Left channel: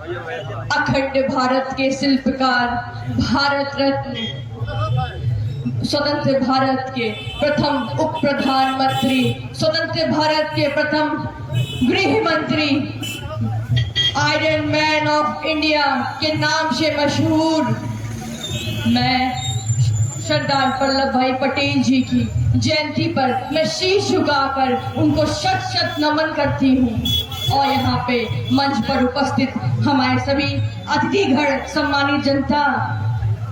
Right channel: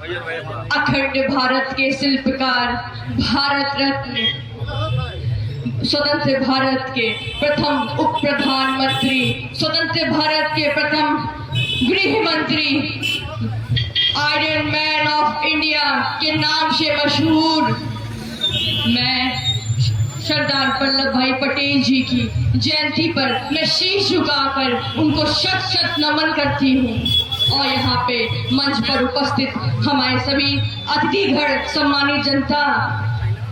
अखंड भारत के शिल्पकार, भारत रत्न, स्वतंत्र भारत के प्रथम उप प्रधानमंत्री, स्वतंत्र भारत के प्रथम गृह मंत्री, आयरन मैन ऑफ इंडिया के नाम से मशहूर मैं सरदार वल्लभ भाई पटेल जी की जयंती पर मैं शीश झुकाकर उनको शत शत नमन करती हूँ। और यहाँ पे मंच पर उपस्थित हमारे सभी अतिथिगण, सम्मानित जनता,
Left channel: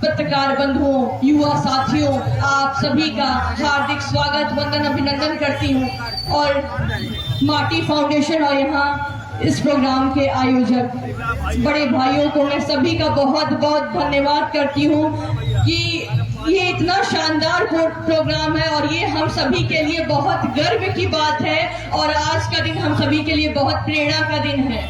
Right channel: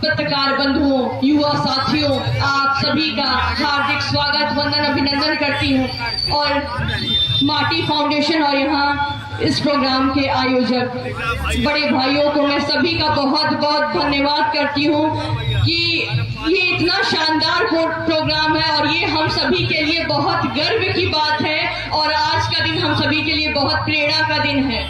पत्रकार बंधुओं, युवा साथियों, आप सभी का हार्दिक स्वागत, वंदन, अभिनंदन करती हूँ। और माटी फाउंडेशन और यहाँ इस प्रोग्राम के आयोजक बड़े भाइयों को मैं सभी का बहुत बहुत धन्यवाद करती हूँ कि ये इतना शानदार प्रोग्राम है और ये हम सभी के लिए बहुत गर्व की बात है और आज का दिन हम सभी के लिए बहुत प्रेरणा का दिन है।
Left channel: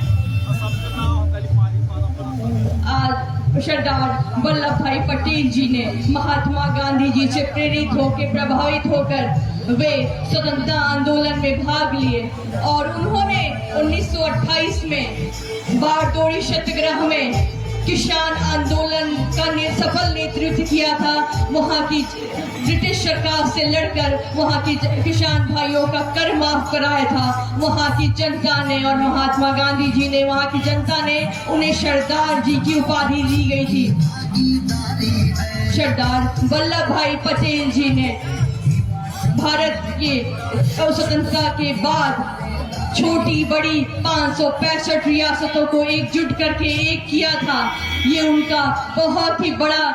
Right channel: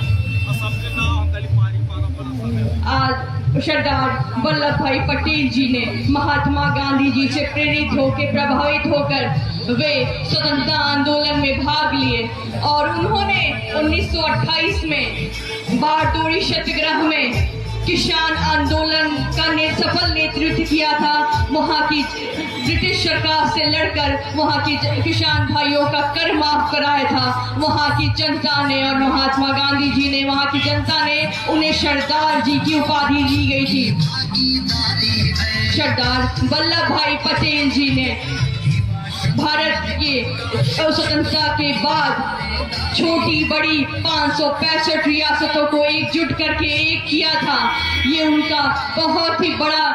आज सरदार वल्लभ भाई पटेल जी ने महात्मा गांधी जी से प्रेरित होकर, प्रभावित होकर वे स्वतंत्रता आंदोलन में भाग लिए और उन्होंने 1928 में बारदोरी सत्याग्रह में किसान आंदोलन का सफल नेतृत्व किया था। वहाँ की ब्रिटिश सरकार से लड़कर वहाँ की किसान भाइयों का कर माफ कराया था वहाँ की जनता ने, और महात्मा गांधी जी ने, वहाँ की जनता ने उन्हें सरदार जी की उपाधि दी गई थी। सरदार वल्लभ भाई पटेल जी ने भारत की स्वतंत्रता के बाद छोटी बड़ी 565 रियासतों को एकजुट करके एक किया था। ये उनका बहुत ही बड़ा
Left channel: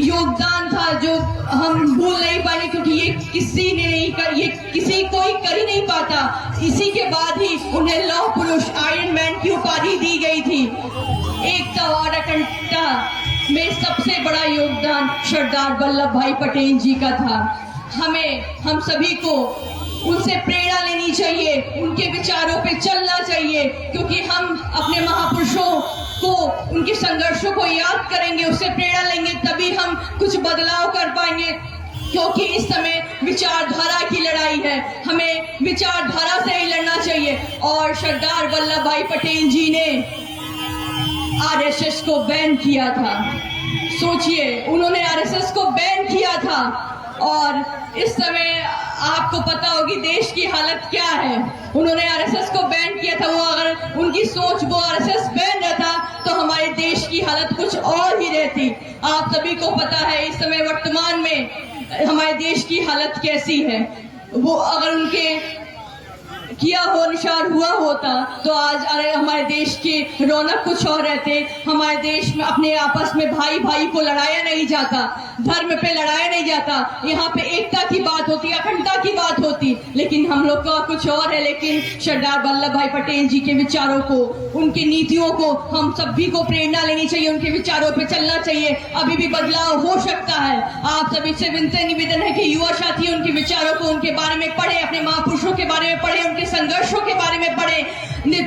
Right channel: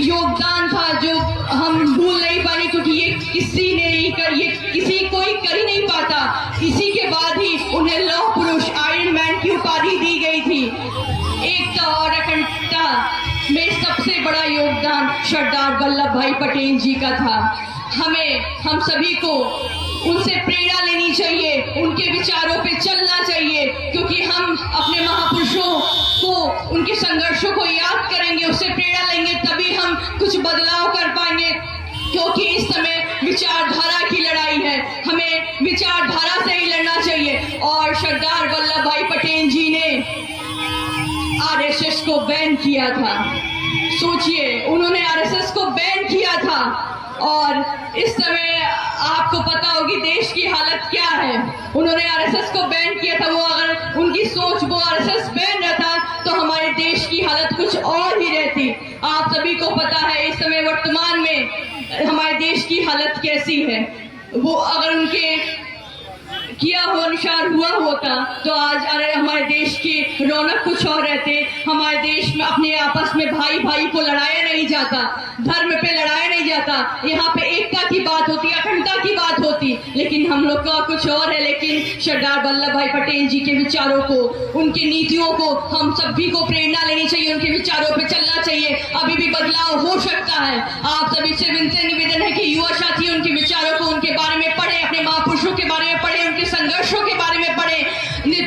योगदान था जो हम भूल नहीं पाए, क्योंकि ये किसी ने नहीं कर, ये किसी कोई कर ही नहीं पाता। इसी के बाद ही उन्हें लौह पुरुष, आयरन मैन की उपाधि दी गई थी। एकता और अखंडता में सबसे बड़ा योगदान सरदार वल्लभ भाई पटेल जी का था। हम सभी को उनसे प्रेरणा लेनी चाहिए, उनके विचारों पे चलना चाहिए, क्योंकि हम अपने महापुरुषों को, उनके संघर्षों को याद करेंगे, उससे प्रेरणा लेंगे, तभी हम कुछ बदलाव कर पाएंगे। क्योंकि इस समय विचारधारा की लड़ाई है, हमें विचारधारा से ही लड़ना चाहिए। और सरदार वल्लभ भाई पटेल जी ने आरएसएस को बैन किया था। सोचिए, उन्होंने आरएसएस को बैन किया था और इस समय आपको पता होगी देश की हालत क्या है। उन्होंने आरएसएस को बैन किया था। वो अगर उनकी सोच, वो आरएसएस बैन रहता तो हमारे देश की हालत कुछ और ही रहती। आप सभी को पता है इस समय वर्तमान में हमारे देश की हालत कैसी है। वो अगर उनके किया हो अनुसार हुआ होता तो आज हमारे देश की रौनक कुछ और रहते। हमारे देश में अपने आपस में भाई भाई को लड़ाया नहीं जाता, धर्म पे लड़ाया नहीं जाता, यहाँ पे एकता की बात होती, अखंडता की बात होती, लेकिन हम लोग का कुछ और है। लेकिन सरदार वल्लभ भाई पटेल जी के विचारों को, उनकी नीतियों को हम सभी को प्रेरणा लेनी चाहिए, उनके विचारों पे चलना चाहिए। अभी भी बदलाव हो सकता है। आप सभी से विनती निवेदन है कि युवा साथी उनके विचारों को, उनके बारे में पढ़े, अपने महापुरुषों के बारे में पढ़े, उनके संघर्षों के बारे में पढ़े,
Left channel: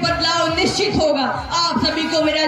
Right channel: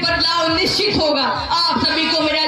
बदलाव निश्चित होगा। आप सभी को मेरा